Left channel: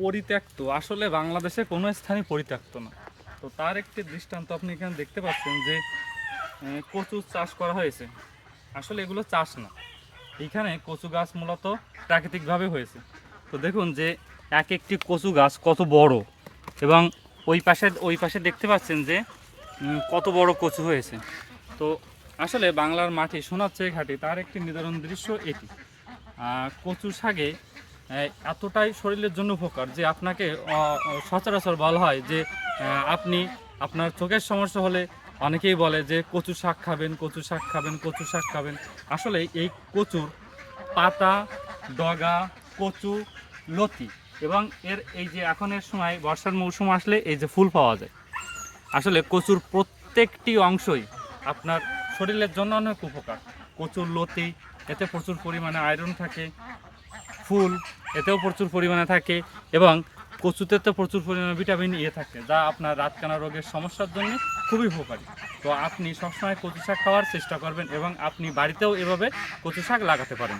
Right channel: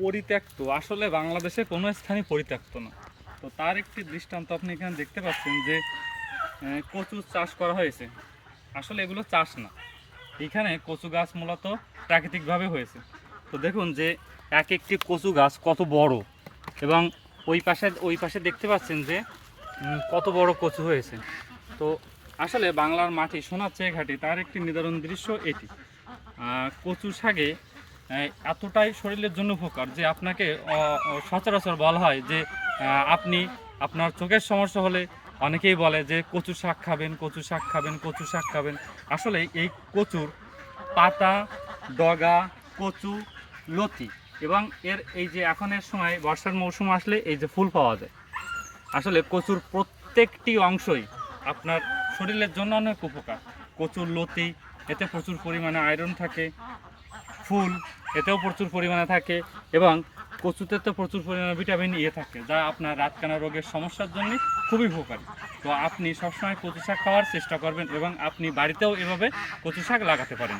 পরিত্যক্ত, আসলে বাংলাদেশে কোনো স্থানই পরিত্যক্ত না। তো তার একটি দৃষ্টান্ত আপনি এখানে দেখতে পাচ্ছেন যে কচু চাষ করা হয়েছে। আসলে এগুলো চাষ না, এখানে কচু গাছ মূলত প্রাকৃতিকভাবে হয়েছে। তো দেখুন যে এক একটি কচু গাছ কত বড়, এবং ওই পাশে দেখতে পাচ্ছেন যে কত বড় কচু হয়েছে। তো আসলে বাংলার মাটি সোনার চেয়ে ঘাটি, তার একটি নিদারুণ দৃশ্য এটি। কচু শাকে এতটাই শরীরের জন্য উপকার যে আপনাকে সচরাচর বলা হয় যে আপনি আপনার চোখের সমস্যা হলে অনেকেই বলে যে কচু শাক খাবেন, কচু শাক খাবেন, কচু শাক খাবেন। আসলে এই কচুর পাতা, ডগা, কচু, লতি এবং এই যে এখনের সময় বর্ষার মৌসুম আসলে এই যে ফুল পাওয়া যায়। আসলে কচুর প্রত্যেকটি অংশই আপনার শরীরের জন্য অনেক উপকার। কচুর লতি, এতে প্রচুর পরিমাণে আয়রন থাকে, ফুল এতেও প্রচুর পরিমাণে থাকে, এবং কচুতে তো প্রচুর পরিমাণে ভিটামিন এ থাকে, যা আপনার রাতকানা রোগের সমস্যার জন্য খুবই উপকারী। তো আপনি সবসময় কচু শাক খাওয়ার চেষ্টা করবেন এবং আপনি বাড়িতেও এভাবে কচু শাক লাগাতে পারেন।